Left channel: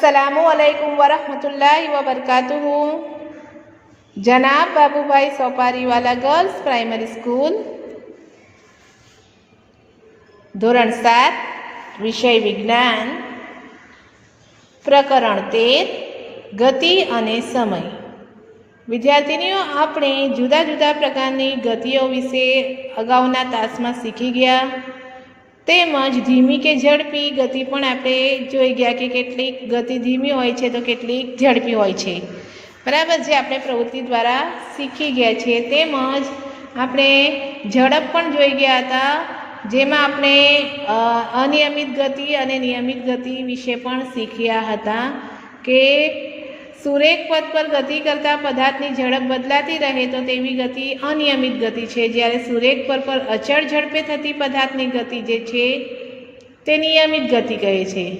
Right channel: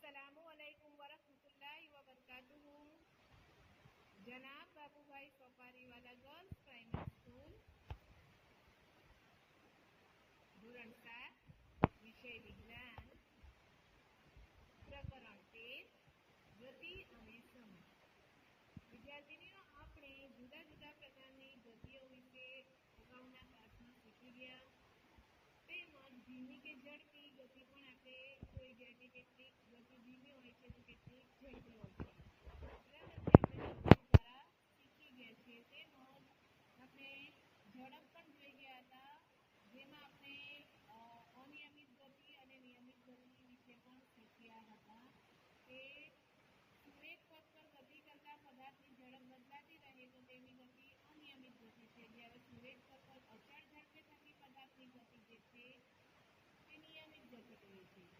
અસલામુ અલૈકુમ વરહમતુલ્લાહ વબરકાતુહુ જનાબ Babubhai Sopariwala girls primary school ધોરણ સાત વિષય વિજ્ઞાન પ્રકરણ તેર ગતિ અને સમય વિદ્યાર્થીનીઓ આપણે જુદા જુદા પ્રકારની ગતિઓ વિશે અગાઉના તાસમાં શીખી ગયા તેમજ ધીમી કે ઝડપી ગતિ પણ આપણે જોઈ ગયા કે કેટલીક ગતિ ધીમી હોય છે તો કેટલીક ઝડપી હોય છે. બરાબર જે આપણે પ્રવૃત્તિ દ્વારા શીખી ગયા છીએ તેમજ આપણે ઝડપ પણ જોઈ ગયા હતા, જેમાં આપણે અનિયમિત ગતિ અને નિયમિત ગતિ વિશે પણ શીખ્યા હતા કે સુરેખ પદ પર ગતિ કરતા પદાર્થની ઝડપ બદલાતી રહે તો તેવી ગતિ અનિયમિત ગતિ છે. જ્યારે સુરેખ પર પર અચળ ઝડપે થતી પદાર્થની ગતિ જે છે, તે નિયમિત ગતિ કહે છે.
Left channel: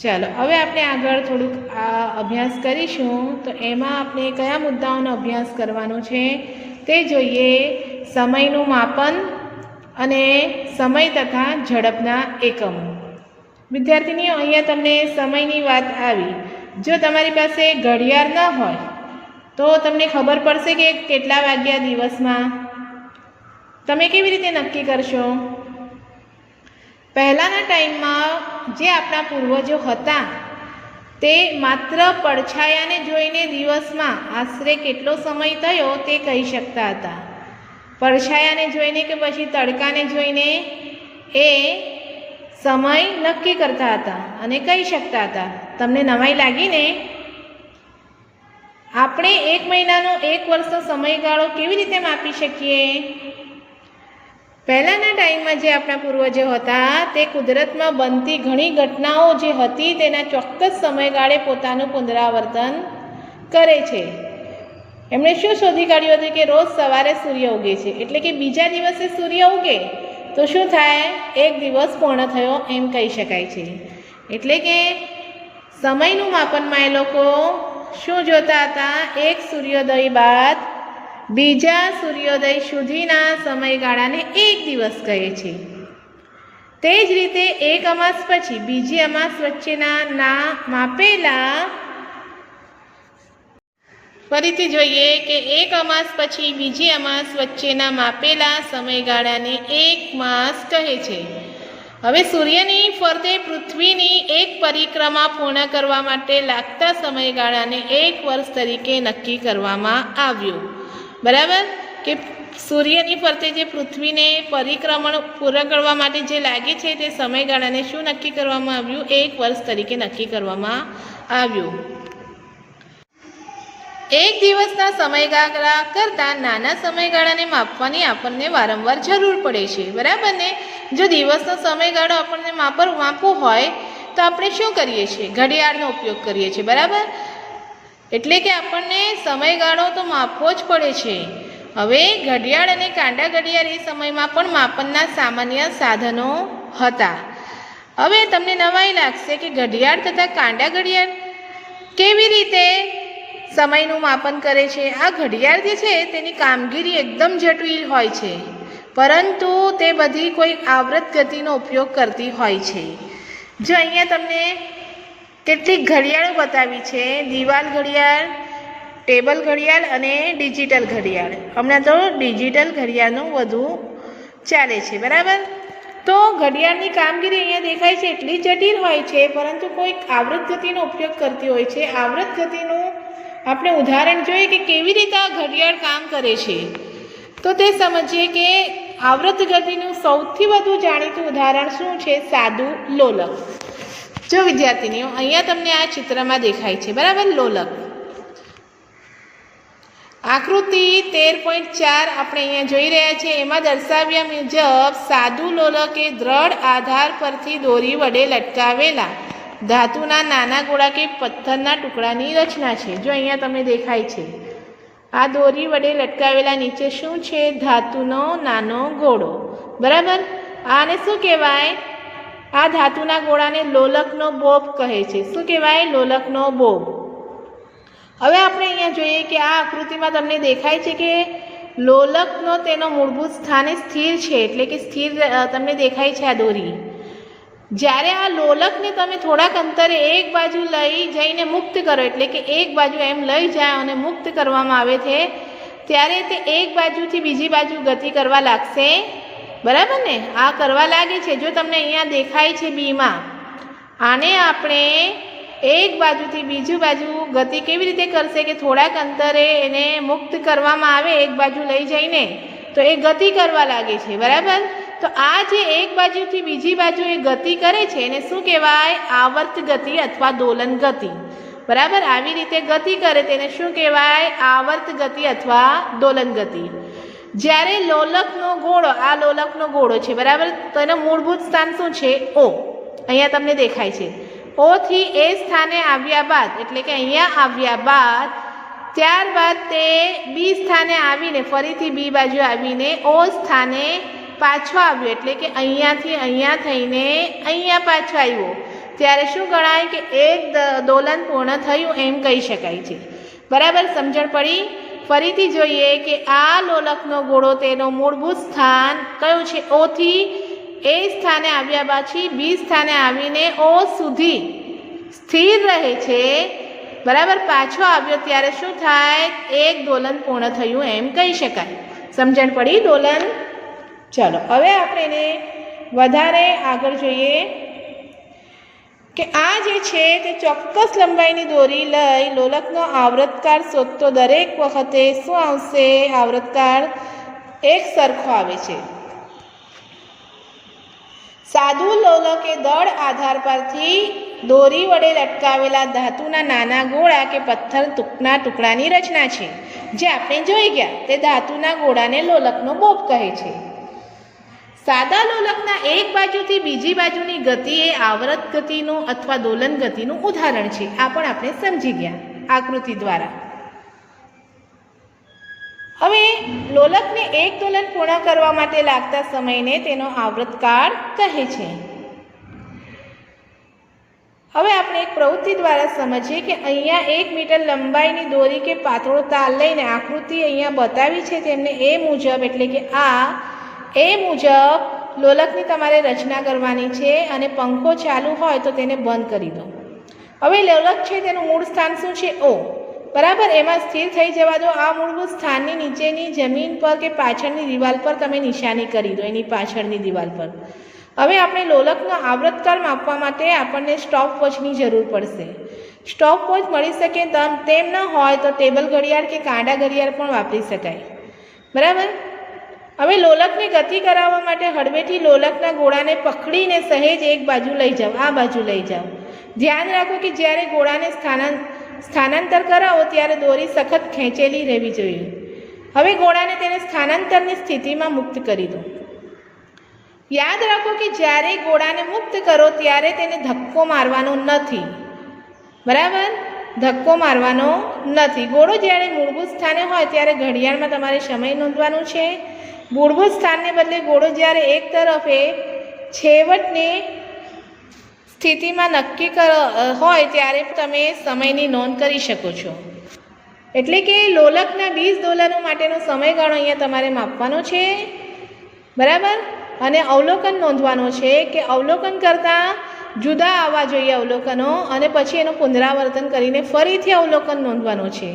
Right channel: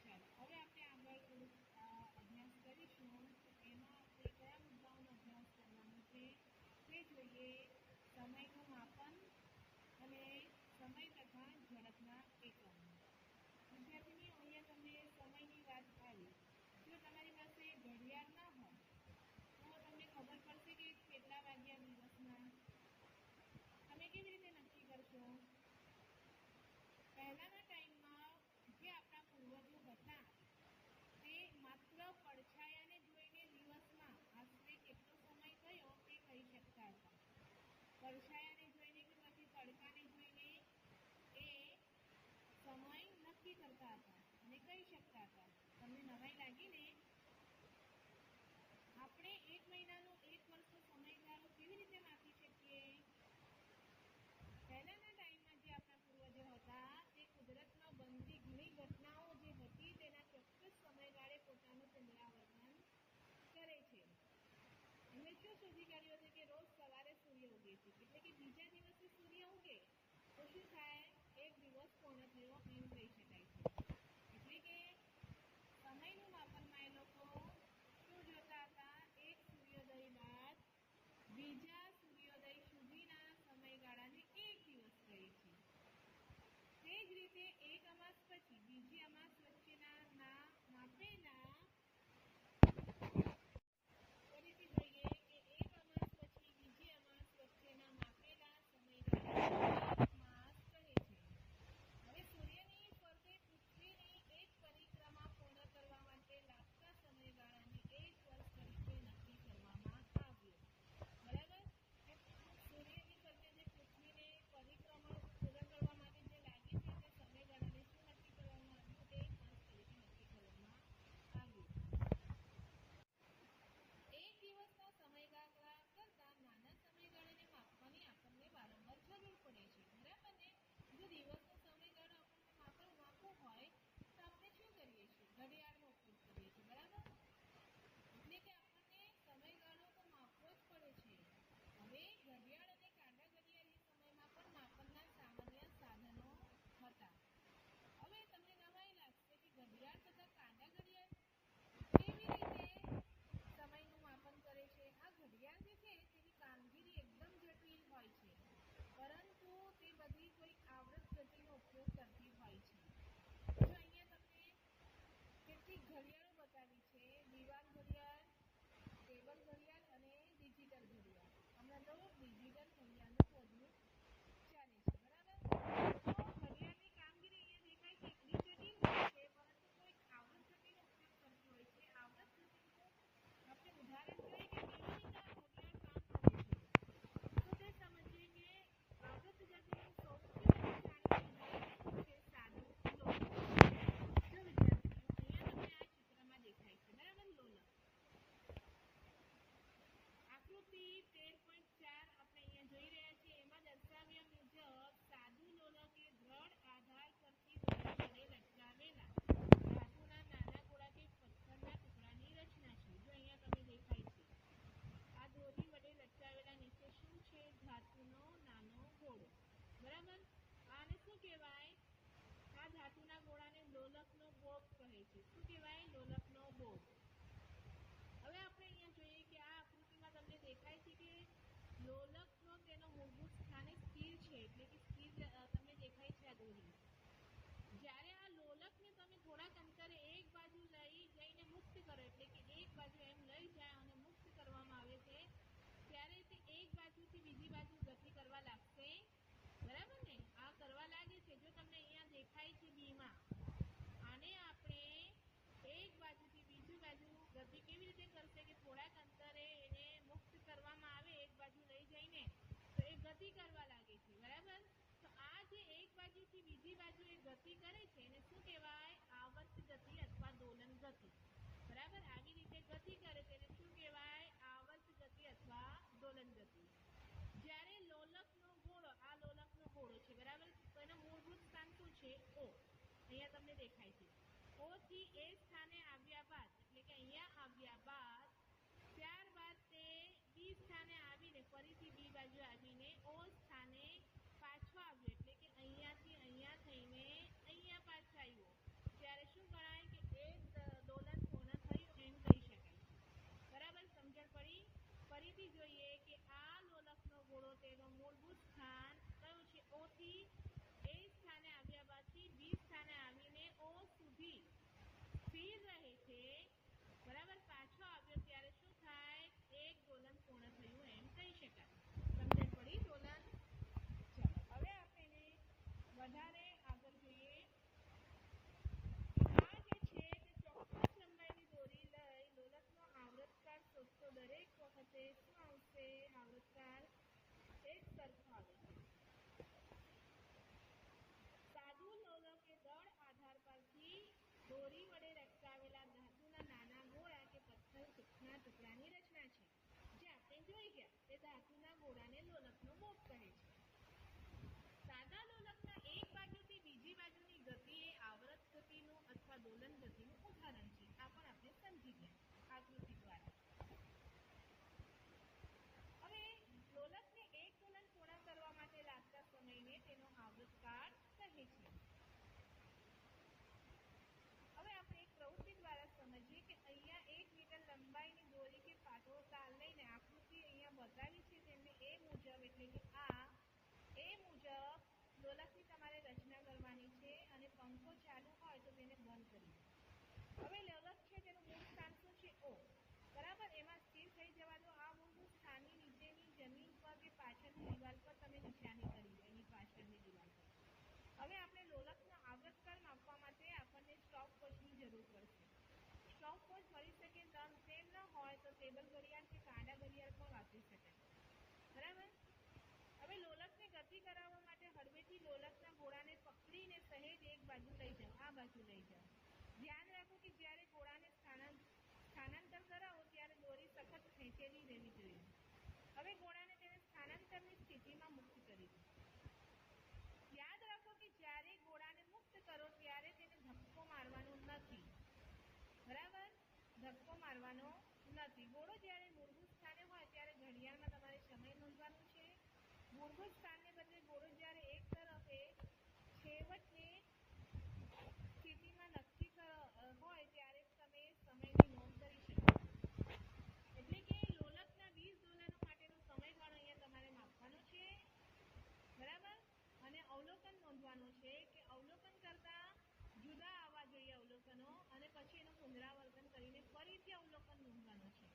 ચાલો, હવે આપણે આગળ થોડુંક આ અભ્યાસ કરીશું. તો એમાં આપણે કયા મુદ્દાઓનો અભ્યાસ કરવાનો છે તે જોઈએ. સમયનું માપન અને સમય તથા ઝડપના એકમો. વિદ્યાર્થીનીઓ, અહીંયા તમને સમયની વાત આવી. જો તમારી પાસે ઘડિયાળ ન હોય, તો તમને ખબર પડશે કે કેટલા વાગ્યા દિવસમાં તમે કેવી રીતે નક્કી કરશો. પહેલાંના ટાઈમમાં જે આપણા પૂર્વજો હતા, તે માત્ર પડછાયાને જોઈને દિવસમાં આશરે કેટલો સમય થયો તે કહી શકતા હતા. પડછાયાને જોઈને કે પછી તડકાને જોઈને એ સમય નક્કી કરતા હતા અને કહી શકતા હતા. તમને નવાઈ લાગીને આપણે એક મહિનાનો એક વર્ષનો સમયગાળો કેવી રીતે માપી શકીએ? પહેલાંના ટાઈમમાં જે આપણા પૂર્વજો હતા, તે કુદરતમાં બનતી ઘણી ઘટનાઓ જે હતી, તેના ચોક્કસ સમયગાળે પોતાનું પુનરાવર્તન કરે છે. એમણે શું શોધી કાઢ્યું હતું કે રોજ સવારે સૂર્ય ઉગે છે? એટલે કે બીજા દિવસે સૂર્ય ઉગે? તો શું થાય? એક દિવસ પૂર્ણ થયો એમ કહી શકાય છે. એટલે કે સમયનું માપનમાં એ લોકો શું જોતા હતા? એક સૂર્યોદય બાદ બીજા સૂર્યોદય સુધીના સમયગાળાને એક દિવસ કહે છે. તે જ રીતે એક અમાસ પછી બીજી અમાસ વચ્ચેના ના માપેલા ફરીથી જોઈએ કે એક અમાસ પછી બીજી અમાસ વચ્ચેના માપેલા સમયગાળાને એક માસ કહે છે. હવે સૂર્યની ફરતે પૃથ્વીની એક પરિક્રમા પૂર્ણ કરવા માટે લાગતા સમયગાળાને એક વર્ષ તરીકે નક્કી કરવામાં આવ્યું. બરાબર? કે સૂર્યની ફરતે જે પૃથ્વીને પરિક્રમણ પૂર્ણ કરવા માટે જે લાગે છે તે સમયગાળાને શું નક્કી કરવામાં આવ્યું? એક વર્ષ તરીકે નક્કી કરવામાં આવ્યું. એક દિવસના સમયગાળા કરતાં નાના સમયગાળાને માપવાની આપણને વારંવાર જરૂર પડે છે. બરાબર ને? જો દિવસનો સમયગાળો આપણને માપર માપવું હોય, તો આપણે શું કરીએ છીએ? ઘડિયાળનો ઉપયોગ કરીએ છીએ. બરાબર? એટલે કે આપણને સમયગાળો તો માપવો જ પડે છે. હવે ઘડિયાળ અને કાંડા ઘડિયાળ એ સમયમાં પણ માપનના સામાન્ય સાધનો હતા. હવે તમને નવાઈ લાગશે કે ઘડિયાળ તથા કાંડા ઘડિયાળ કેવી રીતે સમયનું માપન કરે છે. આ ઘડિયાળ જે છે, તેની કામગીરી એકદમ જટિલ હોય છે, પરંતુ તે બધી કોઈ આવૃત ગતિનો ઉપયોગ કરતી હોય છે. જો અહીંયા તમને કેટલીક ઘડિયાળો બતાવી છે, દિવાલ ઘડિયાળ, ટેબલ ઘડિયાળ અને ડિજિટલ ઘડિયાળ. હમણાં તો ડિજિટલ ઘડિયાળનું વધુ ચાલે છે, બરાબર? તો ઘડિયાળની કામગીરી અહીંયા દેખાય છે, એટલી જટિલ હોય છે, પરંતુ કોઈક આવૃત ગતિનો ઉપયોગ કરતી હોય છે. આવૃત ગતિનું આપણે ઉદાહરણ જોઈએ કે કેવી રીતે આ ઘડિયાળ કામ કરે છે. તો તે સમજીએ કે આવૃત ગતિનું સૌથી વધુ જાણીતું ઉદાહરણ શું છે? સાદું લોલક. જો વિદ્યાર્થીનીઓ, અહીંયા તમને આ ચિત્રમાં દેખાય છે. બરાબર? લોલક. આકૃતિ તેર પોઈન્ટ ચાર આપણે અહીંયા જોઈ રહ્યા છીએ. એમાં દર્શાવ્યા મુજબ સાદું લોલક એ દ્રઢ આધાર પરથી દોરી વડે લટકાવેલા. ધાતુના નાના ગોળા કે પથ્થરના ટુકડાની રચના છે. જો અહીંયા તમે દેખાય છે. આ દોરી વડે લટકાવેલા નીચે શું છે? ધાતુનો નાનો ગોળો. બરાબર? આને શું કહેવાય? આ ધાતુના ગોળાને લોલકનો બોબ કહે છે. શું કહેવાય? લોલકનો બોબ. હવે આપણે અહીંયા જોઈએ કે આ આકૃતિમાં તમને દેખાય છે કે લોલકનો તેનો મૂળભૂત સ્થાને સ્થિર છે. એટલે કે સ્થિર તમને દેખાય છે આ દોરી. જ્યારે આ લોલકને તમે થોડાક અંતરે એક બાજુ લઈ જઈને મુક્ત કરો, એટલે કે એક બાજુ એમ લઈ જાય અને મુક્ત કરવામાં આવે છે, ત્યારે તે એક બાજુથી બીજી બાજુ ગતિ કરવા લાગશે. બરાબર ને? આ કરવા લાગે છે, જો તમને અહીંયા દેખાય છે બીમાં. આને આપણે એક બાજુથી બીજી બાજુ ગતિ કેવી રીતે કરશે કે થોડાક અંતરે એને મુક્ત કરવામાં આવે, એક બાજુ લઈ જઈને? તો એ ગતિ કરવા લાગે છે, બરાબર? તો આ જે એક બાજુથી બીજી બાજુ એ ગતિ કરે છે, એને શું કહેવાય? આવર્ત ગતિ અથવા દોલન ગતિ. બરાબર? આવી રીતે ગતિ કરે તેને શું કહેવાય? આવર્ત ગતિ અથવા દોલન ગતિ. જ્યારે લોલકનો ગોળો આ લોલકનો ગોળો છે, બરાબર? તો એનું મૂળભૂત સ્થાન શું છે? ઓ. અહીંયા તમને દેખાય છે. ઓથી એ સ્થાને આવ્યા બાદ, એટલે કે અહીંયા આવ્યા બાદ, ત્યારબાદ તે બી સ્થાને આવીને, ફરીથી બી બાજુ આવીને, ઓ સ્થાને પાછો આવ્યો, એટલે કે અહીંયાથી અહીંયા થઈને અહીંયા પાછો આવ્યો. ત્યારે શું ગણાય કે એક દોલન પૂર્ણ થયું એમ કહી શકાય છે. બરાબર સમજણ પડી? ફરીથી જોઈએ કે આ લોલકનો ગોળો તેનો મૂળભૂત સ્થાન કયું છે? ઓથી એ સ્થાને આવ્યા પછી બી સ્થાને આવીને ઓ સુધી સ્થિર રહે છે. બરાબર પાછો આવ્યો ત્યારે શું થાય? એક દોલન પૂર્ણ થયું એમ કહી શકાય. સમજણ પડી? દોલન ચલો, હવે આપણે એને વધારે આગળ જોઈએ કે આ જે છે તે ચોક્કસ લંબાઈની દોરી લઈ લોલકનો આવૃતકાર શોધતો દરેક વખતે શું આવશે? આવૃતકાર એક સરખો આવે છે. સાદું લોલક દળ આધાર પરથી દોરી વડે લટકાવેલા ધાતુના નાના ગોળા કે પથ્થર ટૂંકના ટુકડાની રચના છે. જે આપણે જોઈ ગયા, તે ધાતુના ગોળાને લોલકનો બોબ કહે છે. સાદા લોલકના એક બાજુથી બીજી બાજુની ગતિ એ આવૃત ગતિનું અથવા દોલન ગતિનું ઉદાહરણ છે. આ પણ આપણે સમજી ગયા આકૃતિ દ્વારા. હવે લોલકને એક દોલન પૂર્ણ કરવા માટે લાગતા સમયને તેનો આવૃતકાળ કહે છે. હવે આપણે એક પ્રવૃત્તિ દ્વારા સમજીએ કે અહીંયા એક મીટર લંબાઈની દોરી કે પાતળો તાર લઈને આકૃતિ અહીંયા બતાવી છે. તેમને એ મુજબ એટલે કે આ એ મુજબ લોલકની તમારે રચના કરવાની છે અને પંખો ચાલુ હોય તો તેને બંધ કરી દો. હવે લોલક છે તેનું મૂળ સ્થાન શું છે? ઓ. બરાબર, એમાં સ્થિર થઈ જવા દો. આ મૂળભૂત સ્થાનની નીચેની જમીન પર કે પાછળની દિવાલ પર તમે નિશાની કરી દો, એની પાછળની દિવાલ પર. હવે આપણે લોલકનો આવૃતકાર માપવા માટે આપણને સ્ટોપ વોચની જરૂર પડશે. સ્ટોપ વોચ મળી શકે તેમ તેમ ન હોય તો ટેબલ ઘડિયાળ કે કાંડા ઘડિયાળ પણ વાપરી શકાય. બરાબર? હવે લોલકને ગતિ કરાવવા માટે હળવેથી લોલકના ગોળાને પકડીને સહેજ એક બાજુ લઈ જાઓ, આ બાજુ લઈ જાઓ. ધ્યાન રાખો કે જ્યારે ગોળાને સ્થાનાં, સ્થાનાંતર કરાવો ત્યારે દોરી સખત ખેંચેલી રહેવી જોઈએ. હવે ગોળાને તેને સ્થાનાંતરની સ્થિતિમાં મુક્ત કરી દો. યાદ રાખો કે જ્યારે ગોળાને મુક્ત કરો ત્યારે તેને ધક્કો મારવાનો નથી. બરાબર? ધક્કો મારવાનો નથી. ગોળો જ્યારે મૂળભૂત સ્થાને હોય ત્યારે ઘડિયાળમાં તમારે સમય નોંધવાનો છે. મૂળભૂત સ્થાનને બદલે ગોળો જ્યારે એક તરફે છેવટની સ્થિતિમાં નક્કી કર હોય ત્યારે તમે સમયની નોંધ કરી શકો છો. એટલે કે લોલકના બીજ દોલનો માટેનો સમયગાળો અહીંયા તમારે માપવાનો છે. બરાબર? અને અવલોકન નોંધવાનો છે કે અવલોકન કરતાં જુદા આવવા જોઈએ અવલોકનો અને પછી એનું પુનરાવર્તન કરીને ફરીથી અવલોકન નોંધવાનું છે.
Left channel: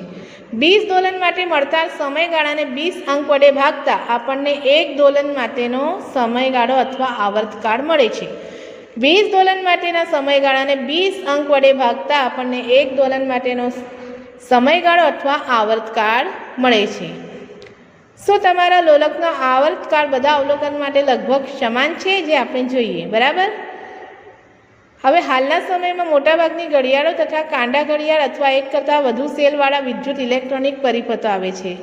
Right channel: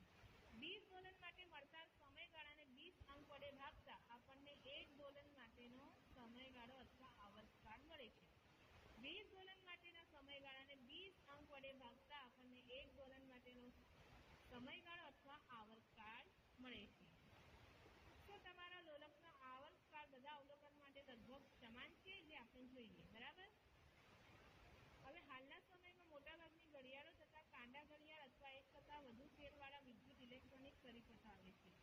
બીજ દોલન માટે મળતા સમયગાળાને બીસ અંક વડે ભાગતા આપણને એક દોલન માટેનો સમયગાળો અથવા આવર્તકાળ મળે છે. વીસ દોલન માટેના સમયગાળાને બીસ અંક વડે ભાગતા આપણને એક દોલન માટેનો સમયગાળો અથવા આવર્તકાળ મળે છે. શું તમારા લોલકનો આવર્તકાળ બધા અવલોકન માટે લગભગ સમાન છે જે આપણે જોઈએ, બરાબર? હવે હાલના સમયમાં મોટાભાગની ઘડિયાળો તથા કાંડા ઘડિયાળ અથવા એક કરતાં વધુ સેલવાળા વિદ્યુત ઇલેક્ટ્રોનિક પરિપથો આવે છે.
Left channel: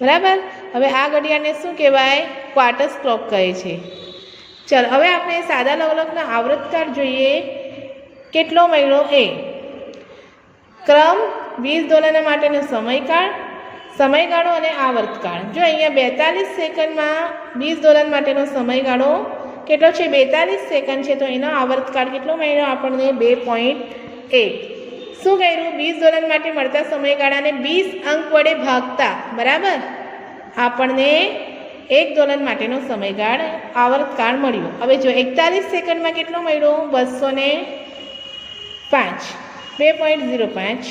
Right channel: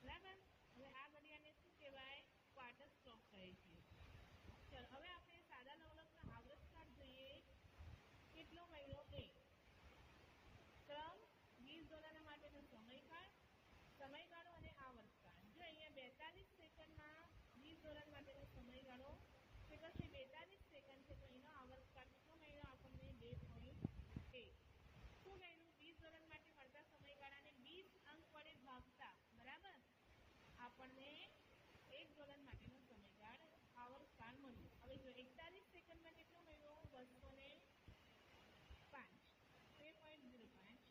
બરાબર? હવે આ ઘડિયાળને શું કહેવાય? ક્વાર્ટર્સ ક્લોક કહે છે. ચાલ, હવે આપણે સાદા લવલકના આવૃતકાળ જોઈએ. કેટલો મહિનો એ. ક્રમ વીસ દોલના માટેનો સમયકાળ, સમયગાળો અને આવર્તકાળ જો અહીંયા બેતાલીસ સેકન્ડમાં વીસ દોલન માટેનો સમયગાળો કેટલો છે? બેતાલીસ સેકન્ડ છે. તો એનો આવર્તકાળ કેટલો મળ્યો આપણને બે પોઈન્ટ એક. શું કર્યું? વીસ દોલન માટે મળતા સમયગાળાને વીસ અંક વડે ભાગતા. બરાબર? આપણને એક દોલન માટેનો સમયગાળ, આવર્તકાળ મળ્યો. હવે જો એકતાલીસ સેકન્ડમાં કેટલો મળ્યો બસો ને પાંચ. બે પોઈન્ટ ઝીરો પાંચ.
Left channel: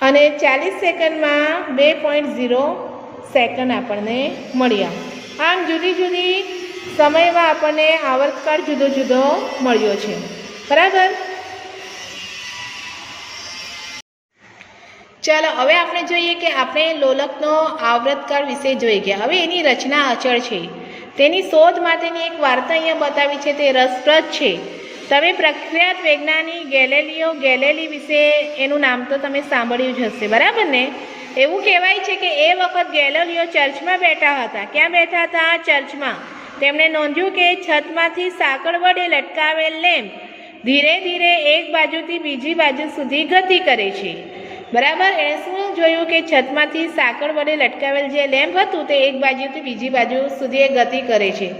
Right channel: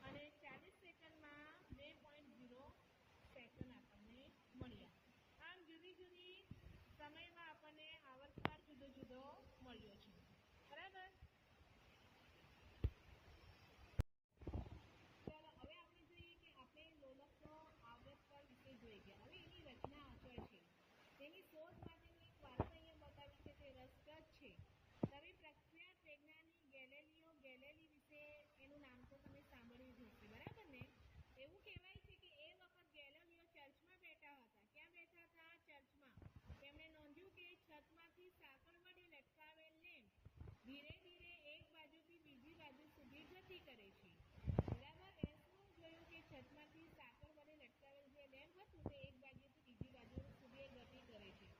અને ચાલીસ સેકન્ડમાં બે પોઈન્ટ ઝીરો સેકન્ડ આપણને મળ્યા. આમ જુદી જુદી સમયમાં આપણને આવર્તકાળ જુદો જુદો મળ્યો છે. બરાબર? ચાલો, હવે આપણે જોઈએ કે આપણે લોલકનો આવૃતકાળ વિશે જોઈ ગયા. હવે એની રચના અચળ છે. તેની શોધ માટેની એક વાર્તા અહીંયા બતાવી છે. તે રસપ્રદ છે. તમે પ્રખ્યાત વૈજ્ઞાનિક ગેલેલિયો ગેલેલી વિશે એનું નામ તો તમે સાંભળ્યું જ હશે. બરાબર ને? એવું કહેવાય છે કે એ વખત ગેલેલિયો ચર્ચમાં બેઠા હતા. ક્યાં બેઠા હતા? ચર્ચમાં. તેમણે નોંધ્યું કે છતમાંથી સાંકળ વડે લટકાવેલ લેમ્પ ધીરે ધીરે એક બાજુથી બીજી બાજુ સુધી ગતિ કરે છે. બરાબર, એણે શું જોયું કે છતમાંથી સાંકળ વડે લટકાવેલ જે લેમ્પ હતું તે એક બાજુથી બીજી બાજુ સુધી એ ગતિ કરે છે.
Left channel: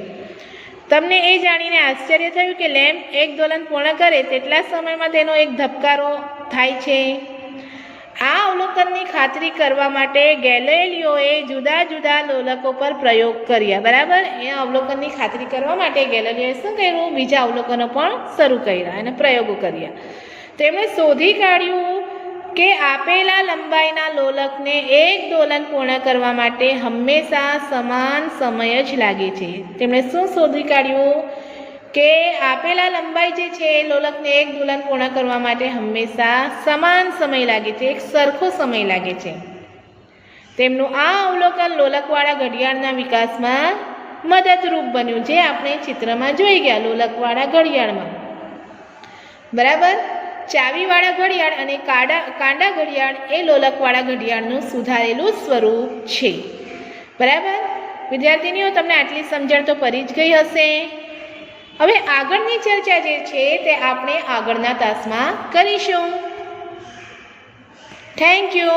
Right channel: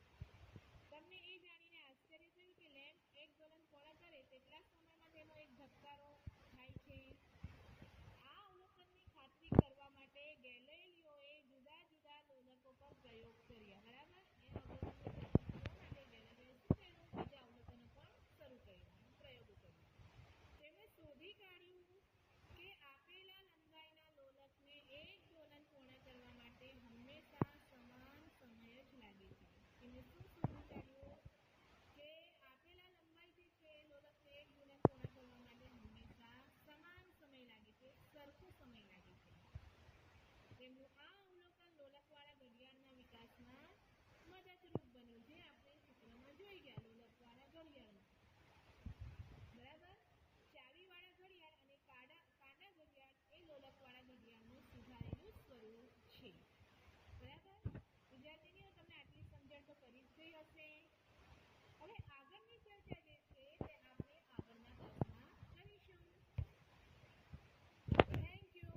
તમને એ જાણીને આશ્ચર્ય થયું કે લેમ્પ એક દોલન પૂર્ણ કરે તેટલા સમયમાં તેનો એક ધબકારો થાય છે? આ અવલોકનની ખાતરી કરવા માટે ગેલેલિયોએ જુદા જુદા લોલકો પર પ્રયોગ કર્યા, બરાબર? એ અવલોકનની ખાતરી કરવા માટે ગેલેલિયોએ શું કર્યું? બીજા અવલોકનો પણ શરૂ કર્યા અને પ્રયોગો કર્યા. તેમણે શોધી કાઢ્યું કે આપેલા લંબાઈના લોલકને એક દોલન પૂર્ણ કરવા માટે હંમેશા સમાન સમય જ લાગે છે. તેમણે શું શોધી કાઢ્યું? કે આપેલા લંબાઈ જે છે એ લોલકને એક દુલન પૂર્ણ કરવા માટે હંમેશા સમાન સમય લાગે છે, એક સરખો સમય લાગે છે. તેમનું આ અવલોકન લોલકવાળા ઘડિયાળના વિકાસમાં મદદરૂપ બન્યું જે આપણે ચિત્રમાં જોઈ ગયા લોલકવાળા ઘડિયાળમાં. બરાબર? ચાવીવાળા ઘડિયાળ અને કાડા, કાંડા ઘડિયાળ એ લોલકવાળા ઘડિયાળનું સુધારેલું સ્વરૂપ છે. બરાબર? વિદ્યાર્થીનીઓ, તમને આટલી સમજણ તો પડી જ ગઈ હશે. હવે આગળની ચર્ચા જે છે તે આપણે આગળના તાસમાં કરીશું. Thank you